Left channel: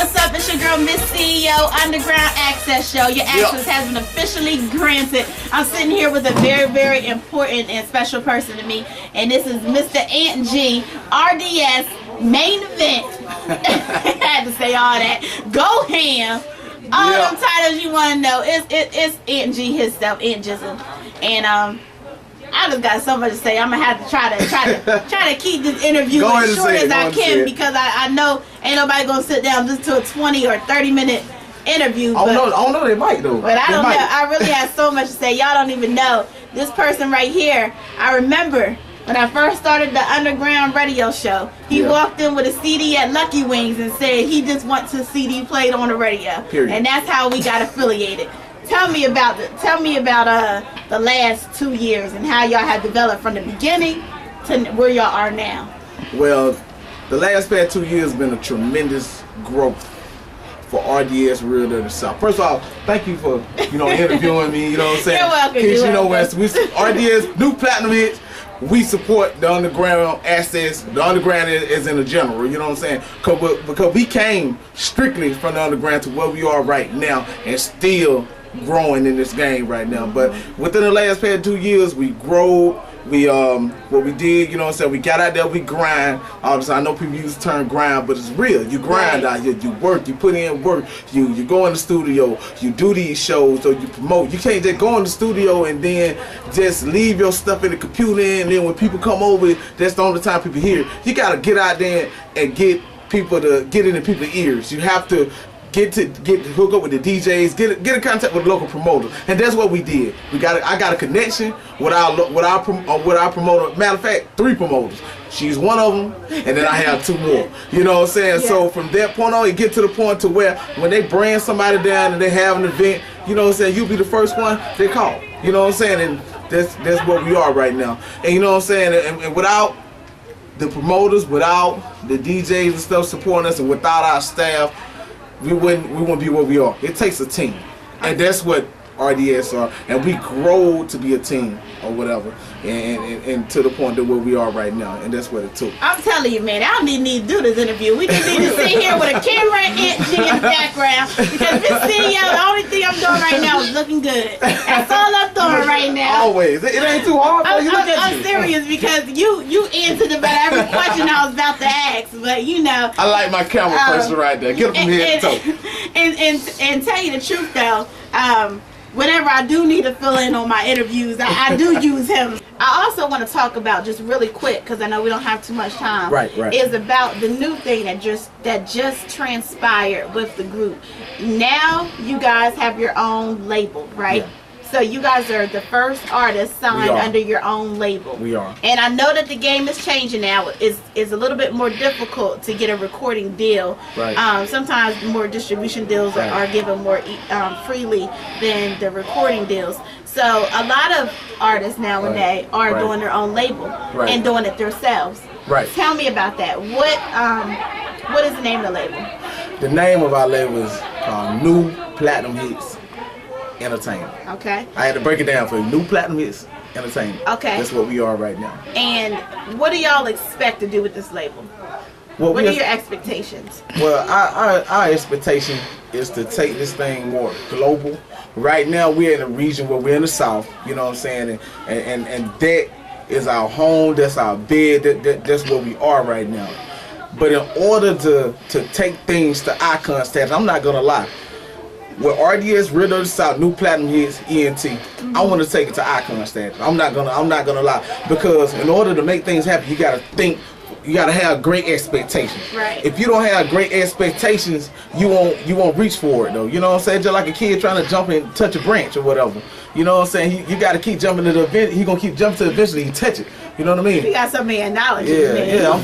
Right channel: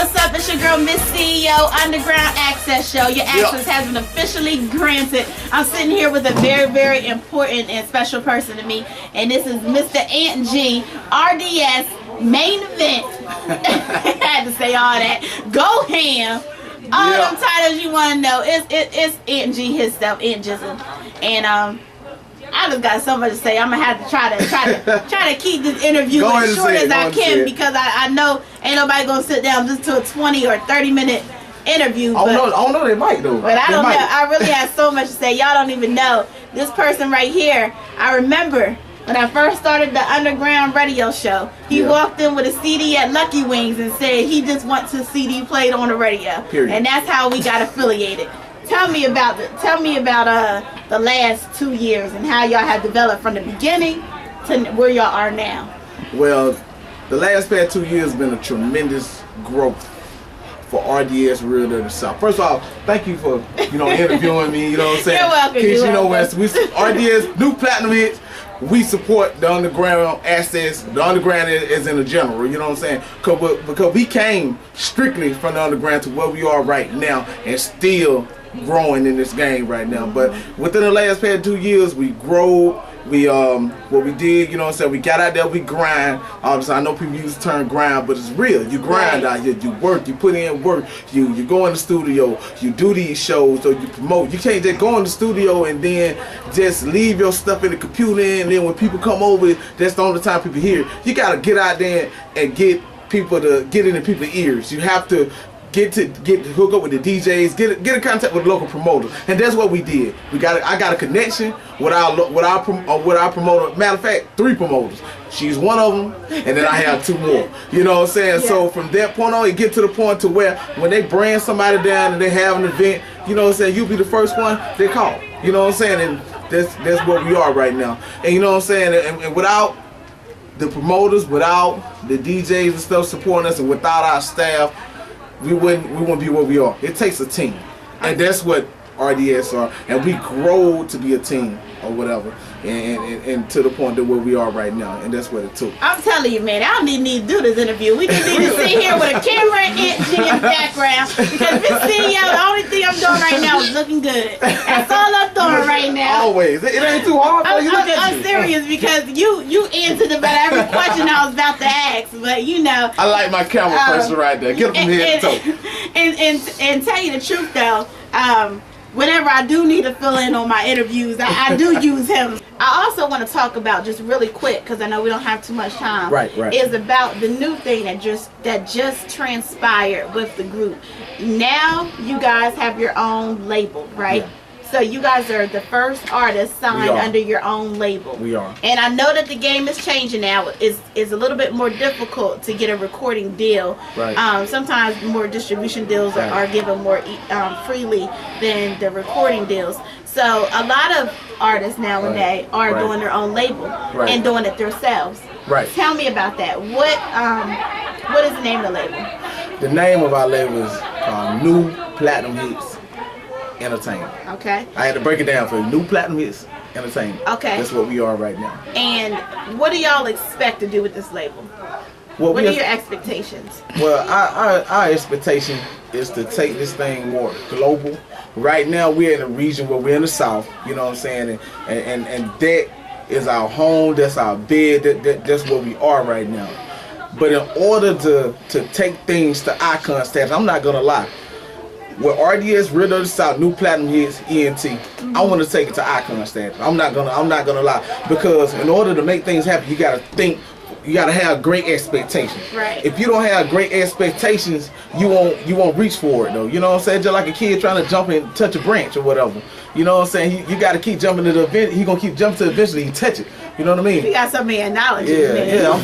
What's up? It's your girl, Miss CEO, Underground Access Show. Your access has been officially granted. I'm sitting here with a very, very important and special person to me, and this is Mr. Ant G, RDS main event. I had to say all that. Go ham. All them titles you want to know. It's Ant G himself, Ant Jizzle, and I just got so much to say. I'm gonna have to try to keep this interview as short as I can because I know ain't nobody gonna sit down just to a 20 or 30-minute interview. I don't know. They might though. But I don't know. I really have so much to say. Y'all don't even know this person right here. I remember when I first started the underground radio show. He walked in with a CD at Lucky Wings and said he just wants his CD played on the radio. Period. And that's how we got affiliated. Tell me about the last 2 years and how y'all have developed from the beginning to where y'all are now. Well, the last 2 years has been a tremendous growth for RDS Real Dirty South. First of all, thank you for interviewing me. You know what I'm saying? You're welcome. Kids, RDS New Platinum Hits. We support the underground access. The underground is in the general. You know what I'm saying? Because we came strictly from the underground to where we are right now, and still growing in this game right now. But within the last 2 years, we grow. We what we did, you know what I'm saying, we got out there, we grind. Obviously, I know people use the term grind, but it's real. You grind out here, you work, you put in work, you go in the studio, you do these shows, or you promote. You can't just go in the studio and then just leave your stuff in the computer, and then when people come over, that's the only time people hear it. You gotta get out there and get people to get into people's ears. You have to get hook up with the DJs, get in contact with local promoters, and that's what we did. I got a connection with our promoter. Matter of fact, 3 promoters. She's one of them, and then I have 2 more. You know what I'm saying? Yeah. So from that point on, it get to the point to where when they bring somebody down and they have an event, you know what I'm saying, you be the first one they call. You know what I'm saying? And that's where we are right now. And you know what I'm saying? And without the promoters, without the DJs and stuff supporting us, and without our staff, we wouldn't be where we are. It takes a team, and that's what RDS are, and we grow to be a team or whatever, and to the point that where we are right now, and that's what it took. I'm telling you, man, I don't even need to do this interview. We just need to sit here with a camera and Ant G in the background, because this video, the only thing I'm doing right now is looking good. That's all I'm doing right now. Always. It ain't too hard for you. I'm serious, because you answered about every question I was about to ask, but you know. I like my camera person right there. Get him from head to toe. And tell you the truth though, whenever I do need to fill in on my interviews, I do use him. I also want to talk about, just really quick, because I know we don't have too much time. Right. Is about the new thing that just transpired with the group. Now you guys have your own label, right? Yeah. So you guys are the first artist signed under your own label. We are. And I know that the game is changing now. It's a little bit more difficult to get a recording deal. Right. Sometimes more distribution deals are given more freely than the recording deals. So a lot of artists nowadays are doing their own label and doing it themselves. Right. Tell me about that. What is the name of the label? The name of our label is New Platinum Hits Entertainment. Okay. I had to break it down for you. New Platinum Hits Entertainment. Okay. That's what we are right now. And what do y'all expect to do with this label? What are your expectations? Well, our expectation is to take this thing more global. Right now, we're in a region where we're in the South, you know what I'm saying? And that is our home, that's our bed, that's where we are right now. But in order to take things to icon status, I'm not going to lie. With RDS, Real Dirty South, New Platinum Hits, ENT, I want to take it to icon status. I'm not gonna lie, because in order to make things happen, you gotta think. You gotta have great expectations. Right. If you don't have great expectations, you won't reach for it though. You know what I'm saying? Just like a kid trying to jump and touch a branch or whatever. You know what I'm saying? You gotta keep jumping to the event. He gonna keep jumping to eventually he touch it. You know what I mean? You got so many knowledge. Yeah. I'm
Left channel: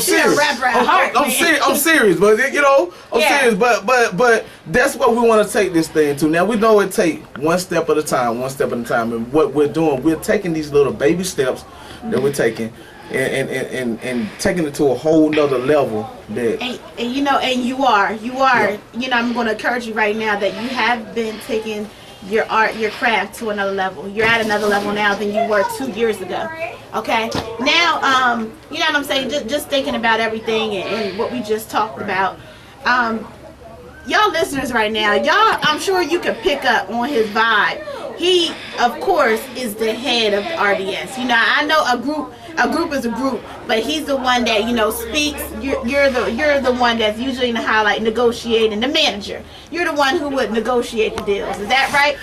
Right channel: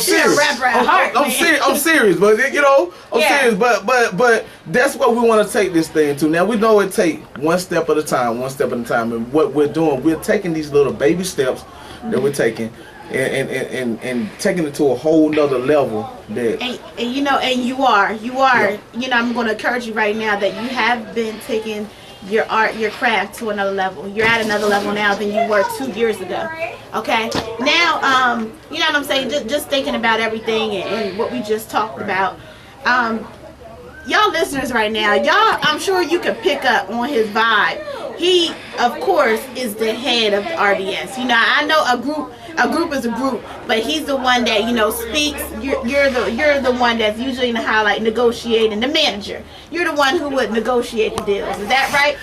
serious. I'm serious, but I'm serious. But that's what we want to take this thing to. Now we know it take one step at a time, and what we're doing, we're taking these little baby steps that we're taking. And taking it to a whole nother level that and you are I'm going to encourage you right now that you have been taking your art, your craft to another level. You're at another level now than you were 2 years ago. Okay, now you know what I'm saying, just thinking about everything and what we just talked about. y'all listeners right now, y'all, I'm sure you can pick up on his vibe. He, of course, is the head of RDS. You know, I know a group is a group, but he's the one that, you know, speaks. You're the one that's usually in the highlight negotiating, the manager. You're the one who would negotiate the deals. Is that right?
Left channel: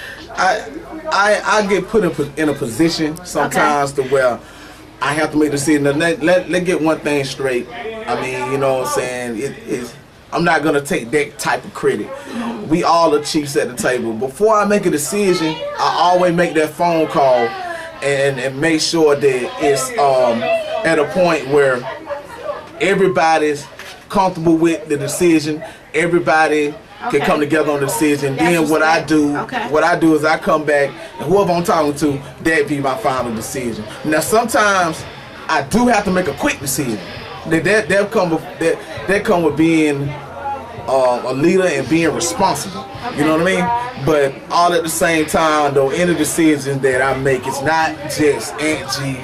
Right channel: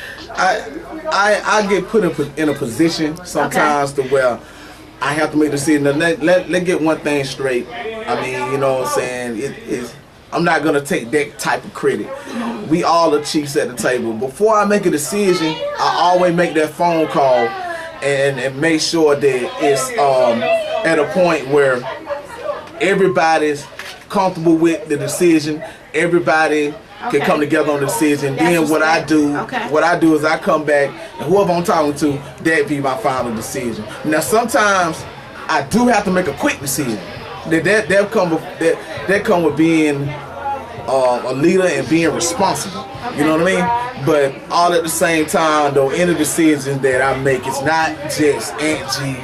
I get put in a position sometimes to where I have to make a decision. Now, let get one thing straight. I mean, you know what I'm saying? I'm not gonna take that type of credit. We all are chiefs at the table. Before I make a decision, I always make that phone call and make sure that it's at a point where everybody's comfortable with the decision. Everybody can come together on the decision. Then what I do is I come back and whoever I'm talking to, that be my final decision. Now sometimes I do have to make a quick decision. That come with being a leader and being responsible. You know what I mean? But all at the same time, though, any decisions that I make, it's not just Aunt G,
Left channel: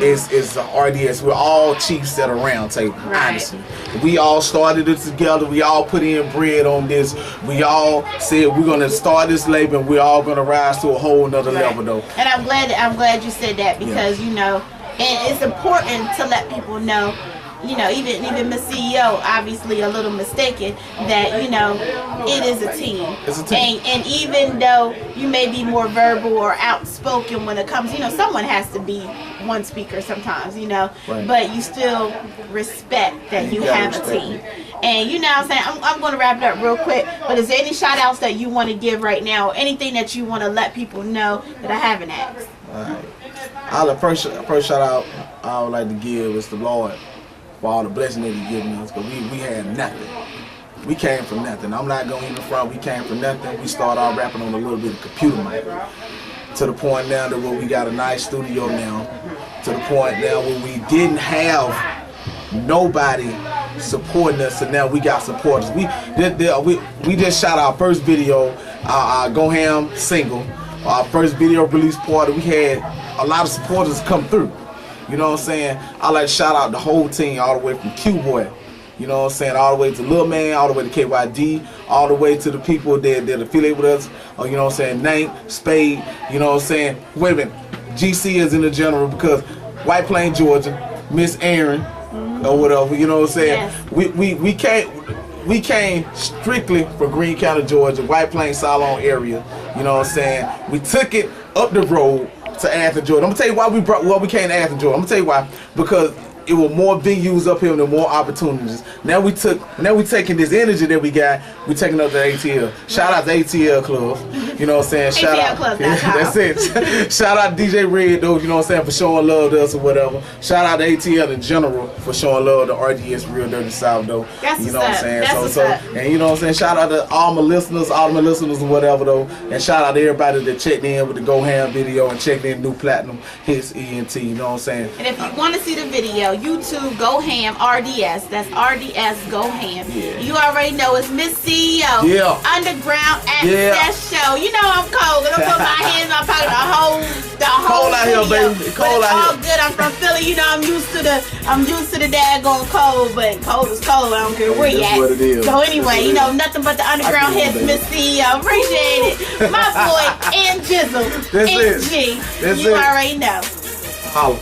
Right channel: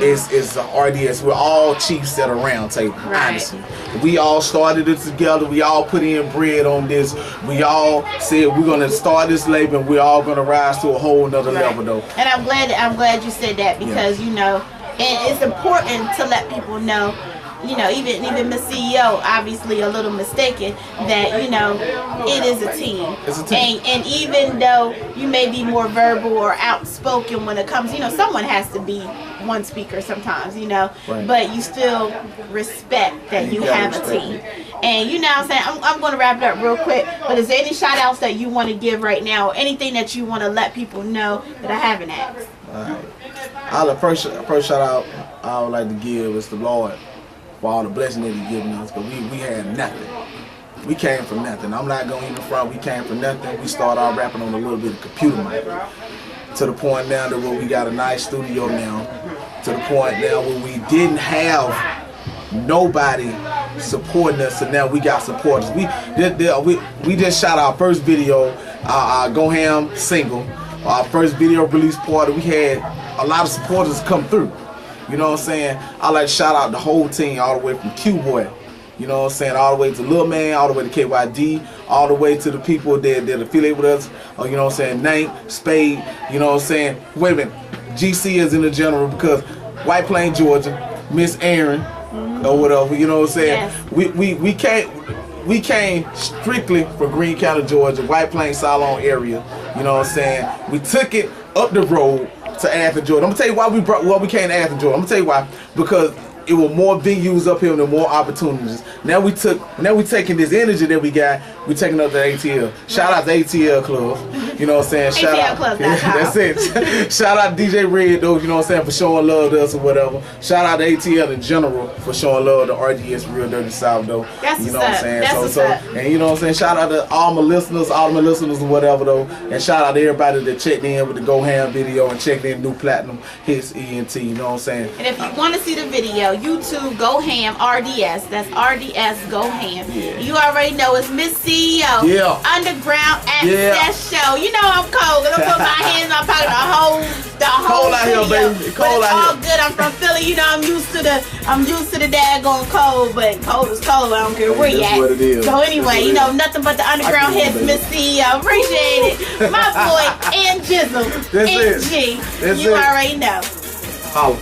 it's RDS. We're all chiefs at a round table, honestly. We all started it together. We all put in bread on this. We all said we're gonna start this label and we're all gonna rise to a whole nother level, though. And I'm glad you said that because you know, and it's important to let people know. You know, even Miss CEO, obviously a little mistaken that, you know, it is a team. It's a team. And even though you may be more verbal or outspoken when it comes, you know, someone has to be one speaker sometimes, you know, but you still respect that you have a team. And you know what I'm saying? I'm going to wrap it up real quick, but is there any shout outs that you want to give right now? Or anything that you want to let people know that I haven't asked? All right. First shout out I would like to give is the Lord. For all the blessing that He given us, because we had nothing. We came from nothing. I'm not going in the front. We came from nothing. We started out rapping on a little bit of computer mic. To the point now that where we got a nice studio now. To the point now where we didn't have nobody supporting us, and now we got supporters. We just shot our first video, our Go Ham single, our first video release party. We had a lot of supporters come through. You know what I'm saying? I like to shout out the whole team, all the way from Q-Boy. You know what I'm saying? All the way to Lil Man, all the way to KYD, all the way to the people that affiliate with us. You know what I'm saying? Nank, Spade, you know what I'm saying? Wait a minute. GC is in the general because White Plains, Georgia, Miss Aaron, or whatever, you know what I'm saying? Yes. We came strictly for Greene County, Georgia, White Plains, Salon area. You know what I'm saying? We took it up the road to Athens, Georgia. I'm gonna tell you why we came to Athens, Georgia. I'm gonna tell you why. Because it was more venues up here and more opportunities. Now we taking this energy that we got, we taking up to ATL. Shout out to ATL Club. You know what I'm saying? Shout out. That's it. Shout out to DJ Red though, you know what I'm saying, for showing love to us or whatever. Shout out to ATL in general for showing love to RDS Real Dirty South though. That's you know what I'm saying? And you know what I'm saying? Shout out to all my listeners or whatever though. And shout out to everybody that checked in with the Go Ham video and checked in New Platinum Hits ENT, you know what I'm saying? And if you want to see the video, YouTube Go Ham RDS. That's RDS Go Ham. Yeah. You already know it's Miss CEO. Yeah. Underground Access Show. You know I'm cold. I'm put my hands on pocket the whole cold out here, baby. It's cold out all good. I'm from Philly. You know I'm used to the daggone cold, but cold is cold. I don't care where you at. What it is. So anyway, you know nothing but the underground hits, Miss CEO. Appreciate it. My boy and Jizzle. That's and G. That's you already know. Holla.